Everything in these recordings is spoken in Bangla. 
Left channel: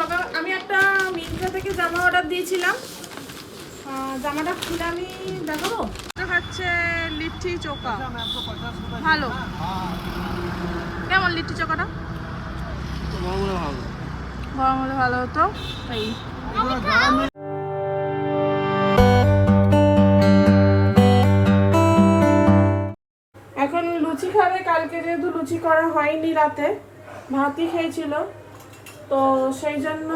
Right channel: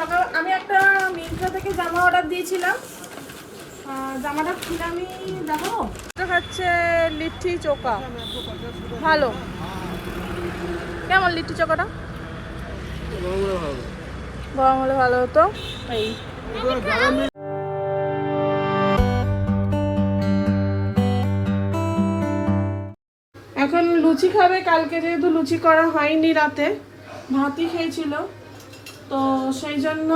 সকাল আমি একটা মিন্ত্রা থেকে জামা অর্ডার দিয়েছিলাম, জামাটা খুলে আমি দেখাবো। খাচ্ছে লিট্টি চোখা, ভালো। কেমন লিট্টি চোখাটা? গরম হলে ভালো হতো। এই এখন লুচি খাবে। কালকে যেহেতু লুচি করা হয়নি, রাতে ভাতই খেয়েছিল, তো সেই জন্য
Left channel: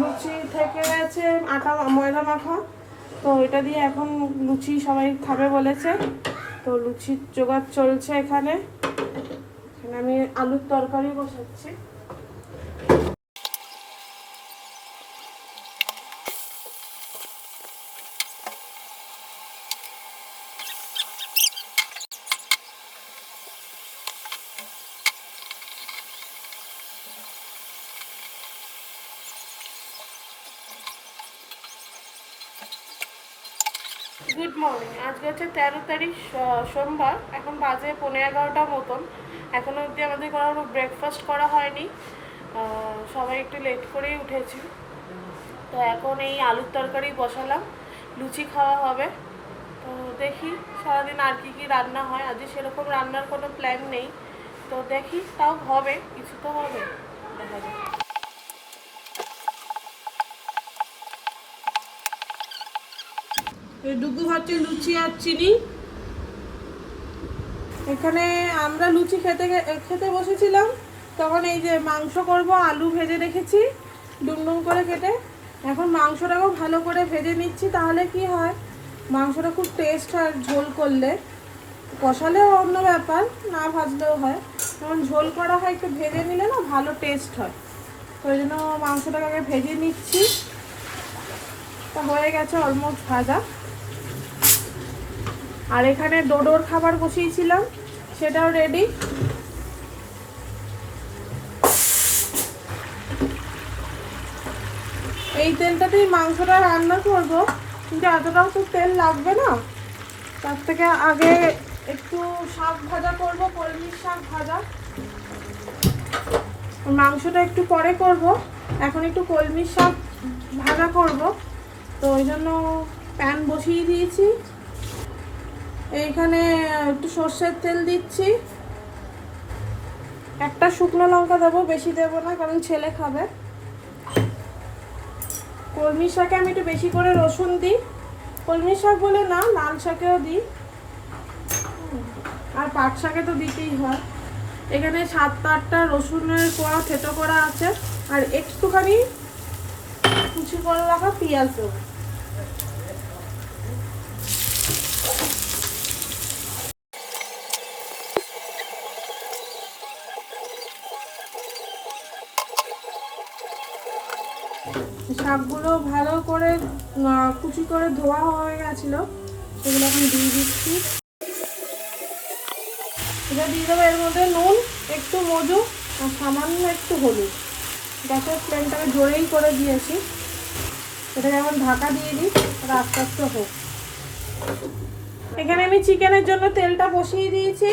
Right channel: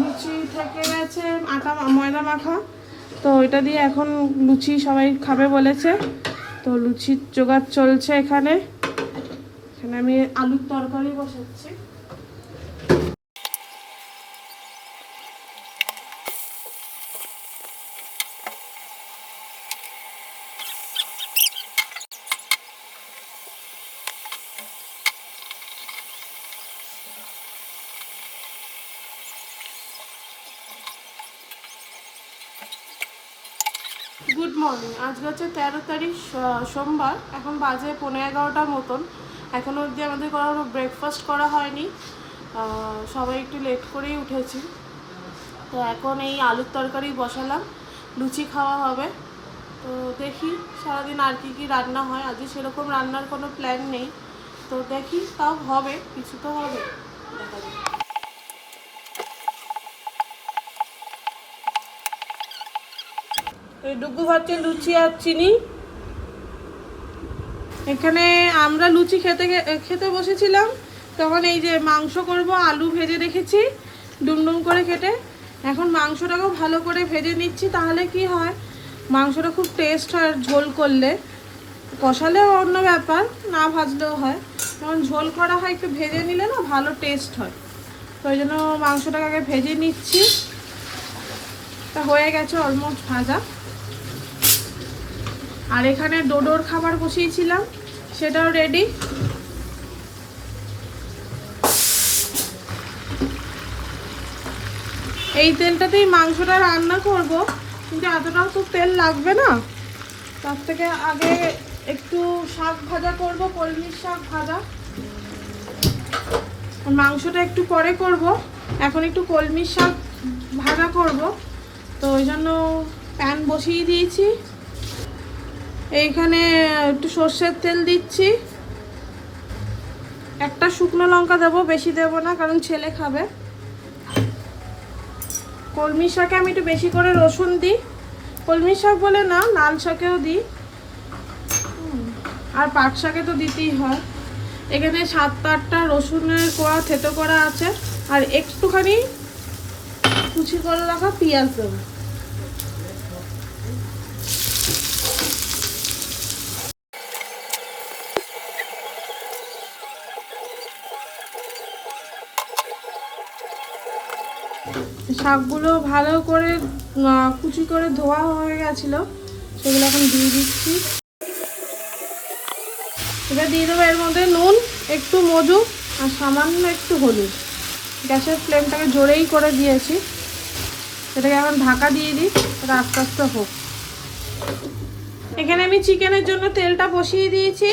লুচি থেকে গেছে আটা ময়দা মাখা, তো এটা দিয়ে এখন লুচি সবাই খাবে বলেছে। তো লুচির জোগাড় চলছে। এখানে আমি আলুর তরকারি বসাচ্ছি। Good morning. আজকে হচ্ছে 13 তারিখ, সোমবার। এখন বাজে 11:15 মতন। এখনও অবধি আমাদের কোনো ব্রেকফাস্ট করা হয়নি, সবাই একটু লেট করেই উঠেছি। তো এখন এই আলুর তরকারি বসালাম, লুচি খাওয়া হবে। তো দেখি সারাদিন আর কি রান্না হয়। আজকে সেরকম রান্নার কোনো প্ল্যান নেই, তো দেখি তাও হবে, কিছু তো হবে, দেখা যাবে। এই ডুবু ভাতে লুচি আর চিনি। এখানে আমরা লুচি খেতে বসেছিলাম, তখন এই যে মাংস করব, আলু ভেজে রেখেছি ডুমডুম করে কেটে। এখন মাংসটাকেও ভালো করে ভেজে নিচ্ছি, তাহলে কি হয় মাংসটা খুব টেস্ট হয়। ঝোল করলে, কষালেও অন্য ব্যাপার, না ভাজলেও হয়। যখন ঝোল করা হয় একটু ভেজে নিলে না ভালো টেস্ট হয়। তো ওই জন্য মাংসটাকে আগে ভেজে নিচ্ছি। তা হয়ে গেছে অলমোস্ট ভাজা। আর এখানে ডোডোর খাবার বসিয়েছিলাম, সেটাও রেডি। এই তেলটাতেই মাংসটা রান্না করব, কিন্তু এতটাও তো তেল লাগবে না। তার থেকে আগে একটু শাক ভাজা করব, কলমির শাক ভাজা। মাংসটা একটু পরে করব, এখন একটু কলমির শাক ভাজা করব। তো ওই জন্য প্যান বসিয়ে দিয়েছি। এইখানে একটু সর্ষের তেল দিচ্ছি, একটা শুকনো লঙ্কা দেবো, বেশি দেবো না কারণ ছেলে খাবে। কলমি শাকে আমি একটু বেশি করে রসুন দিই, কলমি শাক বলে না, লাল শাকেও দিই, আর পাট শাকে তো দিতেই হয়। এখানে 7-8টা রসুনের কোয়া থেতো করা আছে, আর একটুখানি কুচি করে রাখা পেঁয়াজ দেবো। শাকগুলো ভালো করে কুচি করে ধোয়া হয়ে গেছিল, সেগুলো এখন দিয়ে দিচ্ছি। এটা দিয়ে দেবো এর মধ্যে নুন, একটু মধু আর সামান্য একটু হলুদ। গ্যাসের ফ্লেমটাকে জোরেই করে দিয়েছি। এটাকে এখন ঢাকা দিয়ে দিই, এটা আস্তে আস্তে হোক। এখানে আমি চিকেনের জন্য তেলটা বসিয়ে দিয়েছি।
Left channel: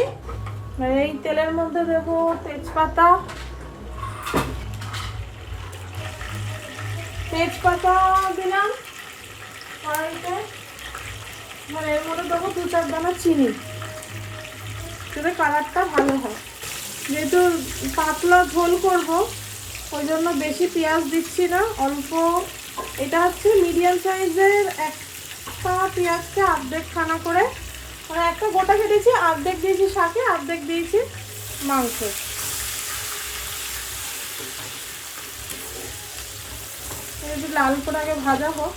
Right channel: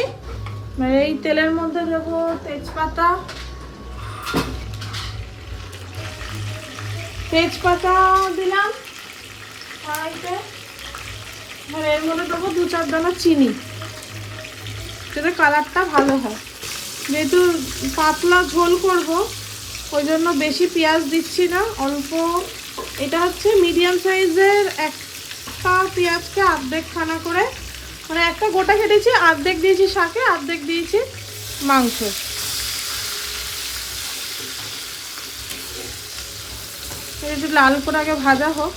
এই তেলের মধ্যে দেবো তেজপাতা দিলাম কড়াইতে। এর মধ্যে দেবো 2-4 দানা চিনি, যাতে কালারটা ভালো হয়। যেহেতু পাতলা ঝোল করব, ওই জন্য বেশি পেঁয়াজ দিচ্ছি না, অল্প। এটা হচ্ছে মিডিয়াম সাইজের একটা পেঁয়াজকে অর্ধেক খানা করে, মানে একটা গোটা কেটেছি, অর্ধেক দিয়েছি শাকে, অর্ধেক দিয়েছি মাংস। একটু লাল করে আগে ভাজা হোক।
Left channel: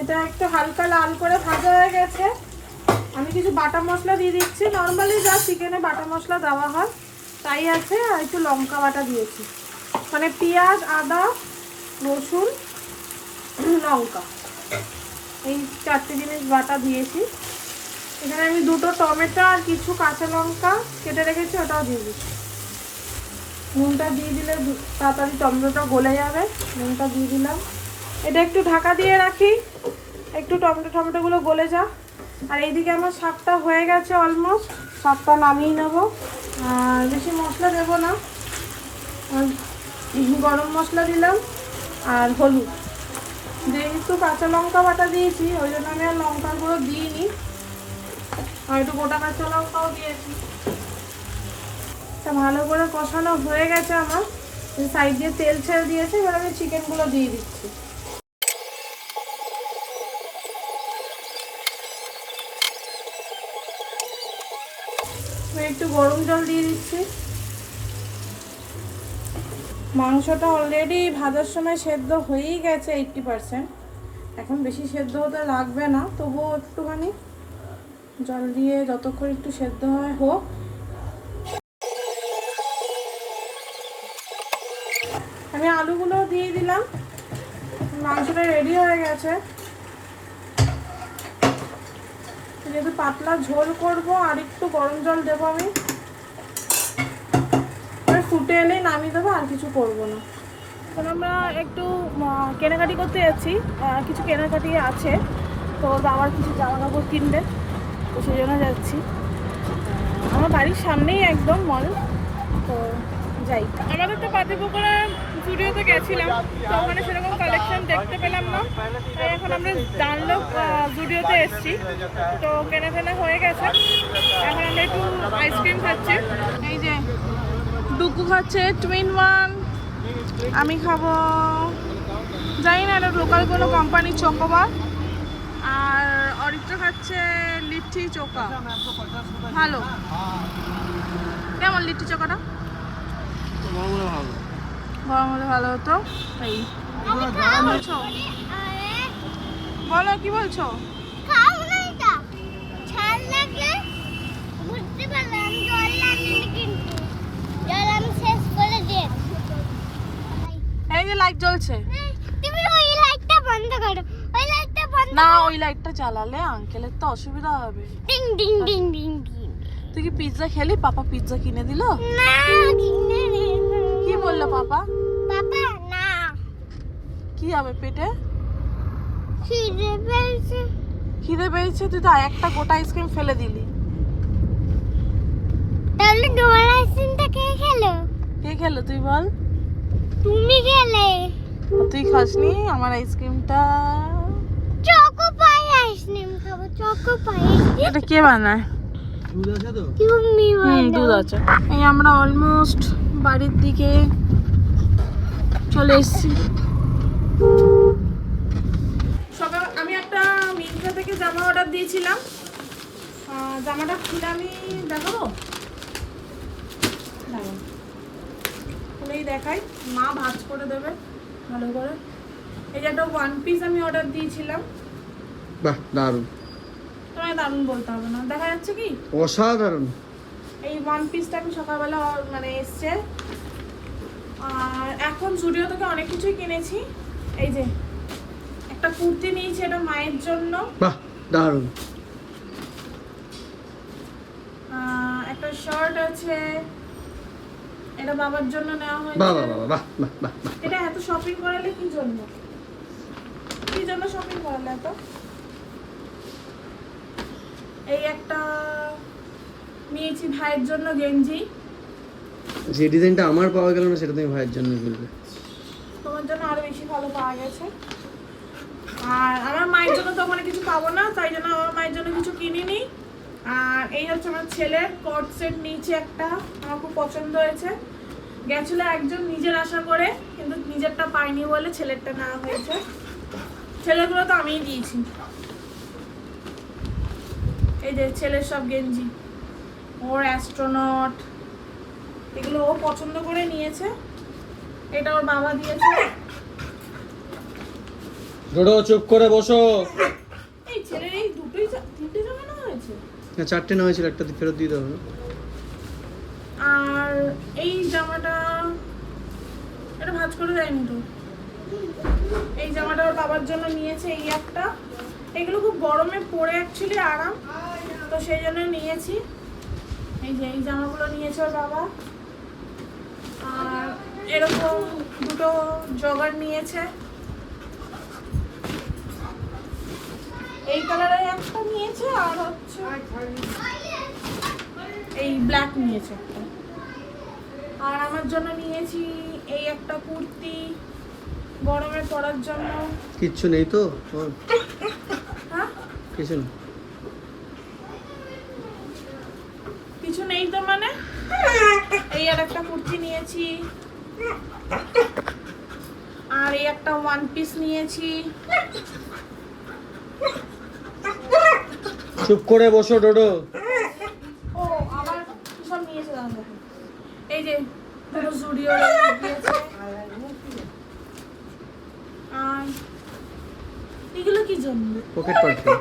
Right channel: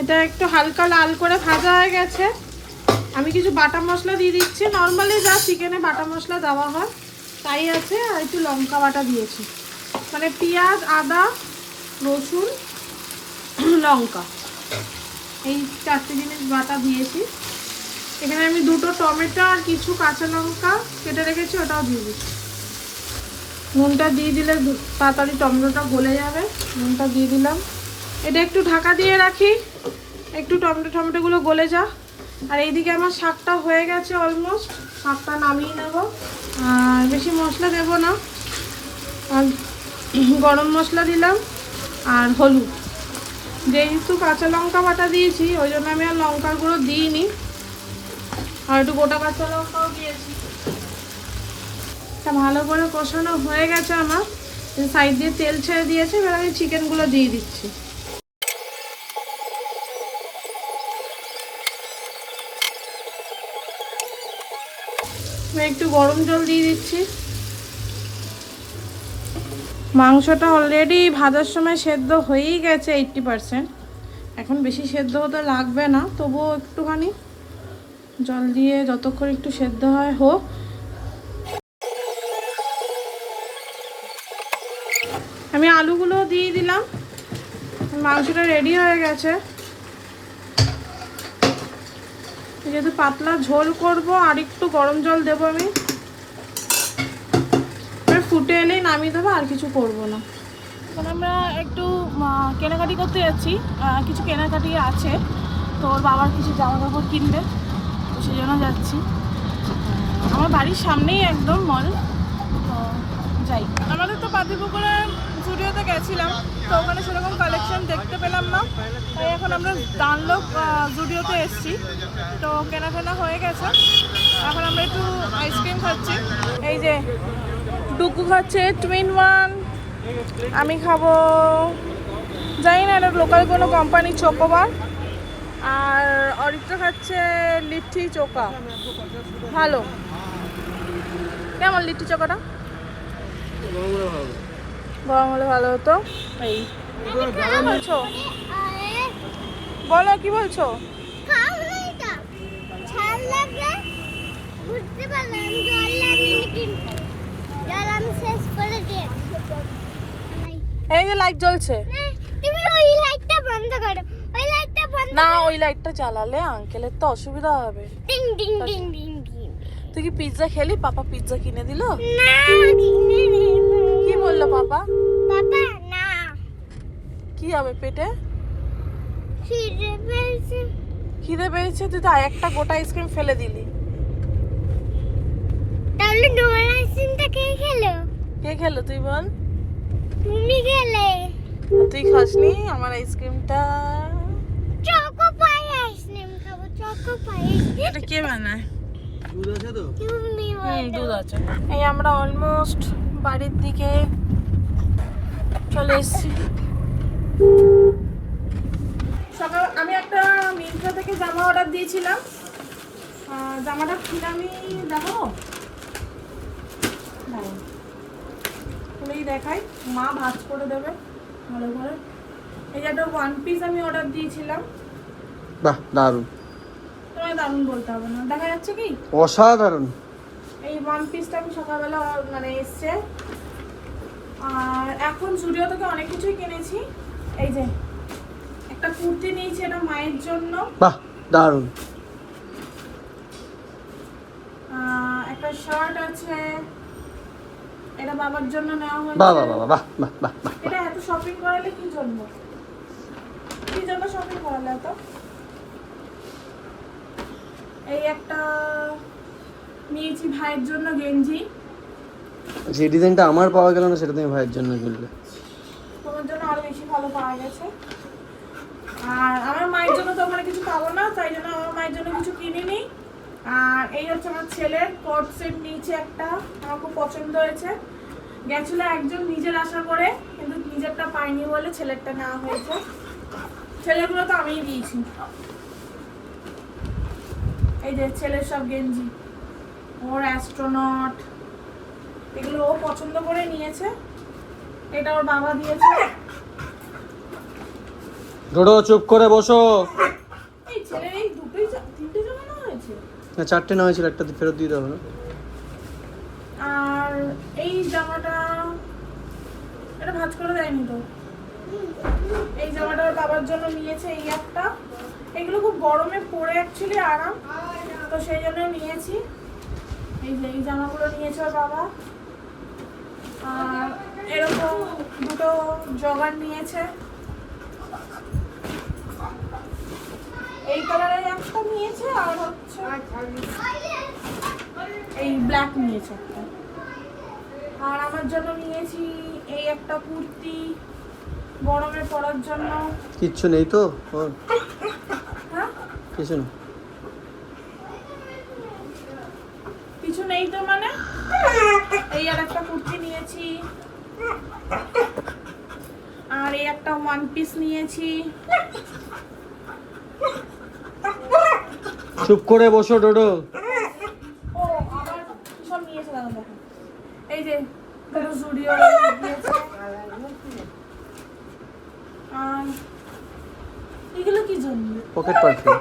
এটা একটু হালকা লাল করে ভাজা হয়ে গেছে। আমি কিছু বাটা মশলা দিয়ে দিচ্ছি, নর্মালি যা চিকেনে বাটা মশলা দেওয়া হয় তাই আছে। আর একটু লঙ্কা বাটা দিয়েছি, মানে পেঁয়াজ, আদা, রসুন, লঙ্কা, এই 4টে জিনিস বাটা দিয়েছি। এখানে আমি 2টো টমেটো আর কিছু কাঁচা লঙ্কা কেটে রেখেছি, ওটাও দিয়ে দিচ্ছি। নুনটা দিয়ে দিলে তাড়াতাড়ি টমেটোটা গলে যাবে, নুনটা দিয়ে দিলাম। এটা একটু ঢাকা দিয়ে রাখি, একটু টমেটোগুলো গলে যা। আর এইদিকে আমার শাকটা হয়ে গেছে অলমোস্ট, শাকটা নামিয়ে নেব। বেশি মশলা দেবো না, আর গরম মশলা দিলাম আর হলুদ। যেহেতু কাঁচা লঙ্কা বাটা দিয়েছি ওই জন্য আমি আর লঙ্কার গুঁড়ো দিইনি, আর একটু গোটা কাঁচা লঙ্কাও দিয়েছি। তা ভালো করে কষানো হয়ে গেছে আমার, সাইড দিয়ে তেল ছেড়ে দিয়েছি, এবার আমি চিকেনগুলো দিয়ে দিচ্ছি। একটু গরম জল দিয়ে দিচ্ছি। মাংসটা অলরেডি ভাজার সময় সেদ্ধ হয়েই গেছে 80%, এখন বেশি সেদ্ধ হতে লাগবে না, তবুও একটুখানি জল দিয়ে যতক্ষণ একটু সেদ্ধ হয় হোক। আমি আলুগুলো দিয়ে দিলাম, মাংসটা রেডি হয়ে গেছে। যেহেতু পাতলা ঝোল করব আর একটু গরম জল দেবো আমি, ফুটে এলেই নামিয়ে দেবো, আর কিছু করব না। এখন আমরা একটু কেনাকাটি করতে যাচ্ছি, কিছু কেনাকাটি আছে, তো ওর বাবার কিছু জামা কাপড় কিনবে, তো সেই জন্য যাচ্ছি। আমার বাড়ির সামনেই একদম মল, তো যাই। আমাদের তো পাতিপুকুরে জুডিওতে গেছিলাম, তো ওখানে সেরকম কালেকশন দেখতে পেলাম না, তাই এখন আমরা ডানলপ জুডিওতে এসেছি। তো কেনাকাটা হয়ে গেছে, এখন আমরা একটু আইসক্রিম খাচ্ছি। এই যে ডুকু খাচ্ছে টুইন ওয়ান, আমি খাবো জানি না এটা লোকাল কোনো কোম্পানির চকোবার, আর অরিত্র খাচ্ছে লিট্টি চোকা। ভালো, কেমন লিট্টি চোকাটা? গরম হলে ভালো হতো। এই বলছো, বলো কি বলছো? এই যে লাইট জ্বলছে, তুমি ওই লাইটটা বন্ধ করো, ওই লাইটটা বন্ধ না ওই লাইটটা জ্বালালে আঙ্কেলের তো অসুবিধা হবে। Ding ding ding ding ding. তুই কি পিৎজা খেলি? পাপা পিৎজা কিনে দিল? না কিনে দে। কি বললো পাপা? বাবা না, কি হবে পেটে? খিদে পেয়েছে। খিদে পেয়েছে? তুই তো একটা গোটা আইসক্রিম ফেলে দিলি। তাহলে ডোরা আইসক্রিমটা কে খেলো? কে খেলো তুই বল? তুমি খেলে। তুই খাসনি আমার আইসক্রিমটা? চকো পাই আইসক্রিম খাবো, চকো পাই। এটা কে বানায়? দুধ আছে তো? তুমি দুধ আছে। এই আমরা অলমোস্ট বাড়ির দিকে চলে এসেছি। সকাল আমি একটা মিন্ত্রা থেকে জামা অর্ডার দিয়েছিলাম, জামাটা খুলে আমি দেখাবো, খুলেই দেখাই, মা ভাঁজ করে দেবে ভালো করে। এই যে একটা ওয়ান পিস আমি অর্ডার দিয়েছিলাম। বাহ দারুণ, তোমায় দারুণ বলতে হবে না, দেখা যাচ্ছে কি? অসাধারণ। এই ওয়ান পিসটা আমি সকালবেলা মানে এসছে। আর এখন জুডিও থেকে অনেক কিছুই কিনেছি। এই যে একটা কুর্তি নিয়েছি, এটা মায়ের জন্য। বাহ দারুণ। একটা শার্ট আছে, এটা বাবার জন্য নেওয়া হয়েছে। বাহ বাহ বাহ বাহ বাহ বাহ বাহ। এটা এত শপিং করালে কি জন্য? কি জন্য শপিং করালে এত? এই একটা নিয়েছি ভাইয়ের জন্য গেঞ্জি। যে ডিজাইনটা আমার পাওয়া গেল না সেটা তুমি ভাইয়ের জন্য কিনলে। তোমার জন্য আরো বেশি ভালো পাওয়া গেছে। আর আমার মায়ের জন্য তো মানে কিছু পাবো না, তাই জন্য আমার মায়ের জন্য কিছু কিনিনি। আর এই হচ্ছে আমার ছেলের কট সেট নিচে একটা, আমার খুব পছন্দ হয়েছে। গেছিল একজন নিজের আশা করে, কিন্তু নিজেরটা পাইনি বলে ছেলেরটা নেওয়া হয়েছে। ছেলেগুলো তো আমিই দিয়েছি। এই যে ছেলের সব গেঞ্জি, ওর অ্যাস্ট্রোনট, এগুলো ও পছন্দ করে নিয়েছে। এটা ওর বাবা দিয়েছে। ডোডো চুপ করে বসো। এই ছেলের এই দুটোই তিনটে জামা নেওয়া হয়েছে, না চারটে নেওয়া হয়েছিল, একটা ফেরত দিয়ে দেবো। আর এই জামাটা এটা ভাঁজ করে দেয়নি তো। এই জামাটা ওর বাবার জন্য নিয়েছে, এই একটা। এগুলো খুব গরমে পরে অ্যাকচুয়ালি আরাম, তো সেই জন্য নিয়েছি। এই যে এই জামাগুলো নিয়েছে ওর বাবা। আর এরকম দুটো জগার নিয়েছে, এই কালারের একটা নিয়েছে, আর হচ্ছে এই ব্ল্যাক নিয়েছে একটা। আর আমার জন্য নিয়েছি এই একটা কুর্তি গরমে পরার জন্য। কিচ্ছু নেই তো ওর? হ্যাঁ কিছু না। কিছু নেই তো মানে এই আর একটা কুর্তি নিয়েছি, আর এই একটা ওয়ান পিস নিয়েছি। চুপ করে বসো ডোডো। ও আবার কি সব নিয়েছে দাদা দেখো, এই যে পুরো জুডিও দিয়েছে। আর এগুলো কি জন্য? পকেট পারফিউম,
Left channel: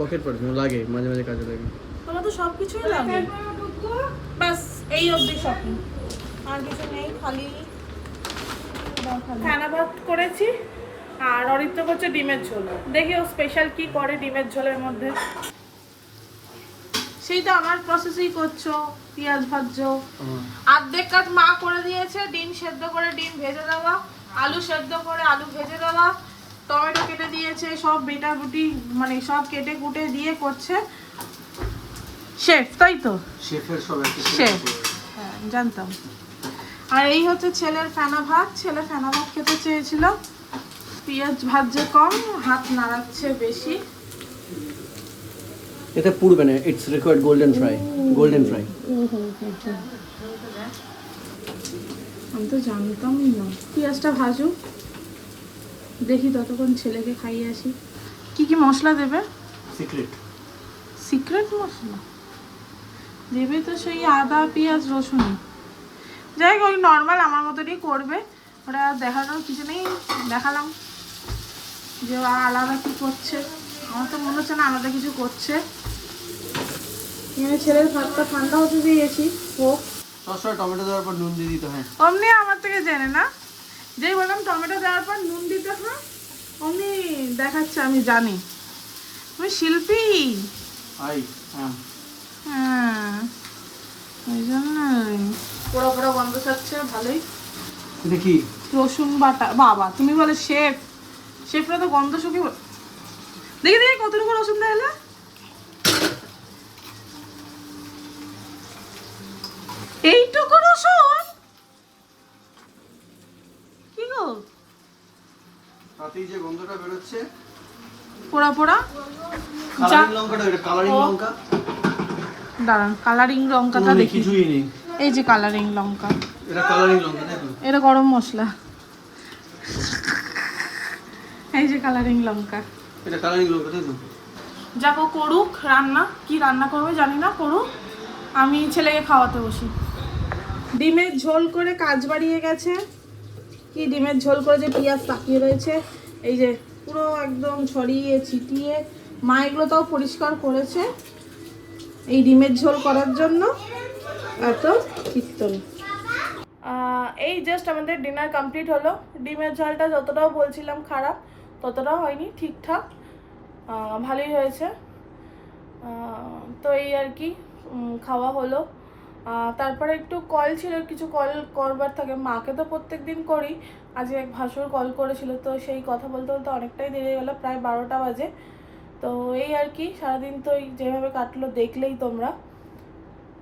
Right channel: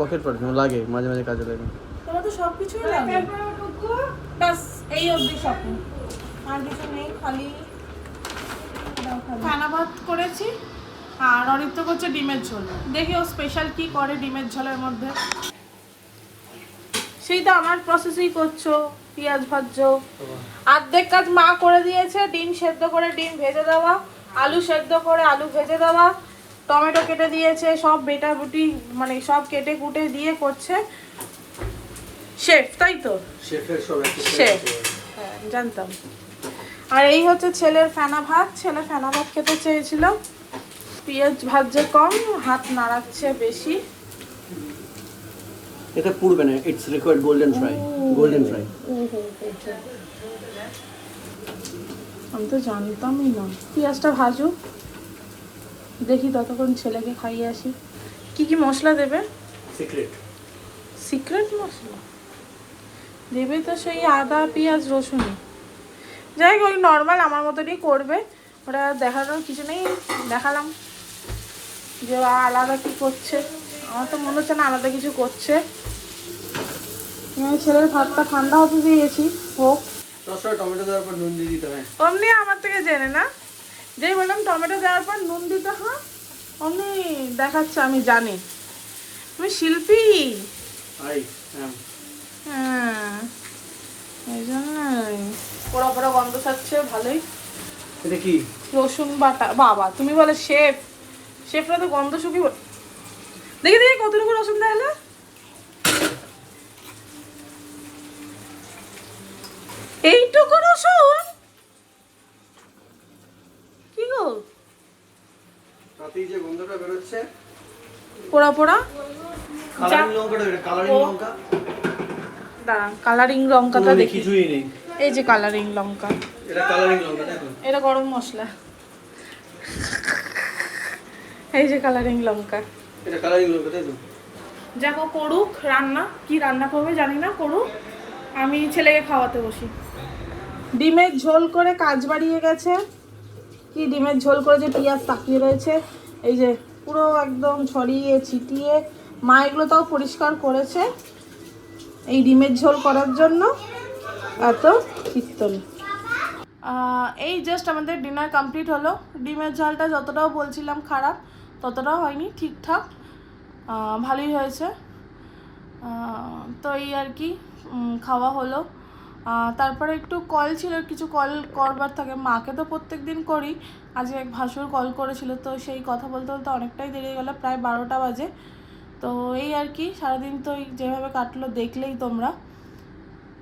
পকেট পারফিউম লাগে মাঝে মাঝে কাজে লাগে। তোমার তো সব কিছুই লাগে। ব্যাস এই অবধি শপিং, আর কিছু নেই, খালি খানা ভাত করেছি আর অরিত্য করছে ডিমের ঝোল। দেখি ও স্পেশাল কি করে ডিমের ঝোলের মধ্যে। সেই তো আমার প্রসেসই করছো, পেঁয়াজ ভাজছো। অর্ধেক কাজ মা করে দিয়েছে, ডিম সেদ্ধ করে ডিম ভেজে দেওয়া, আলু সেদ্ধ করে আলু ভেজে দেওয়া, টমেটো কেটে দিয়েছে, সব বেটাবুটি মানে সব কেটে কুটে দিয়ে করছে শেফ, তাই তো? শেফের সব শেফ, হ্যাঁ জানতাম। আর এই হচ্ছে ছেলের ফেনা ভাত, ছেলে ফেনা ভাত খেতে চেয়েছিল, পেঁয়াজ ভাজছে কম, হাত নাড়াচ্ছে বেশি। এটা পুরবে না, it's required golden fry, golden fry. আমি তো জানতামই না। পেঁয়াজটা ভাজুক, দেখি ততক্ষণ ছেলেকে খাইয়ে আসি। কি কি মশলা দেবে? সিক্রেট। সিক্রেট মশলা দেবে তো সেই আদা পেঁয়াজ রসুন, যাই হোক ওই নর্মাল আমার মতনই করবে, ওটা দেখানোর কিছু নেই। দেখালাম যে আলাদা কি করছে, আমার তো মনে হচ্ছে না আলাদা কিছু করছে। আমি ছেলের ভাতটা ঠান্ডা হতে দিয়েছি হোক। সবসময় টমেটো দেওয়ার পর নুন দিয়ে দিতে হয়। অমনি আমার থেকে জেনে না, যেই বললাম টমেটো দেওয়ার পর নুন দিতে হয় অমনি দেখাচ্ছে আমি জানি। তুমি শিল্পী। হ্যাঁ ওই জন্যই পোড়া পোড়া গন্ধ ছাড়ছে ভালোই। এটা কি? রসুন বাটা। বাবা তুমি বলে শেফ, শেফরা তো গন্ধ শুকি। দেখি দেখি কতটুকু রসুন দেয়। এইটুকু রসুন কি গো? তাতেই যে গন্ধটা বের হচ্ছে। পোড়া পোড়া। কালারিং লঙ্কাটা, এটা কালারিং লঙ্কা। দাঁড়ান কালারিং লঙ্কাটা দেখি। কিছুই নেই। এই যে কালারিং লঙ্কা, এটা কালারিং লঙ্কা দেখো। এটা গরম মশলা। এই যে কালারিং লঙ্কা, এটা কালারিং লঙ্কা দেখো। যাবো করুক রান্না, কি রান্না করবে জানি না, করুক, আমি ছেলেকে খাওয়াতে বসি। ডিমের ঝোল করে কাজ বাড়িয়ে গেছে। কি ডিমের ঝোল করে যে পেঁয়াজ তাকিয়ে রয়েছে, এই যে পুরো একদম ছড়িয়ে ছিটিয়ে। মা এগুলো তাও পরিষ্কার করেছে এই ডিমের ঝোল করার জন্য। এত কীর্তন। এই জাস্ট আমাদের ডিনার কমপ্লিট হলো। ডিমের ঝোলটা যতটাও বলছিলাম খারাপ, ততটাও হয়নি, ঠিকঠাক ভালোই হয়েছে। তো এই আর কি খাওয়া হলো। তারপরে একটু কল ছিল, কিছু কল করবার থাকে, মাকে তো প্রত্যেক দিন করি, আজকে এক ভাসুর কল করেছিল, তো সেই কথা বলতে বলতে অনেকটাই দেরি হয়ে গেলো, প্রায় 12টা বাজে। তো এই আর কি সারাদিন তো যেভাবে কাটলো দেখলেই তোমরা।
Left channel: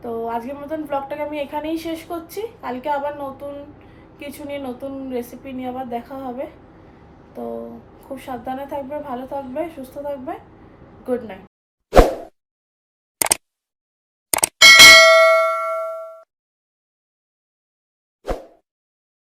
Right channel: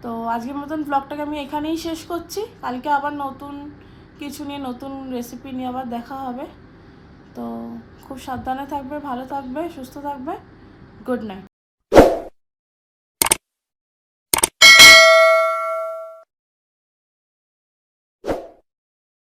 তো আজকের মতন ব্লগটাকে আমি এখানেই শেষ করছি। কালকে আবার নতুন কিছু নিয়ে, নতুন রেসিপি নিয়ে আবার দেখা হবে। তো খুব সাবধানে থাকবে, ভালো থাকবে, সুস্থ থাকবে। Good night.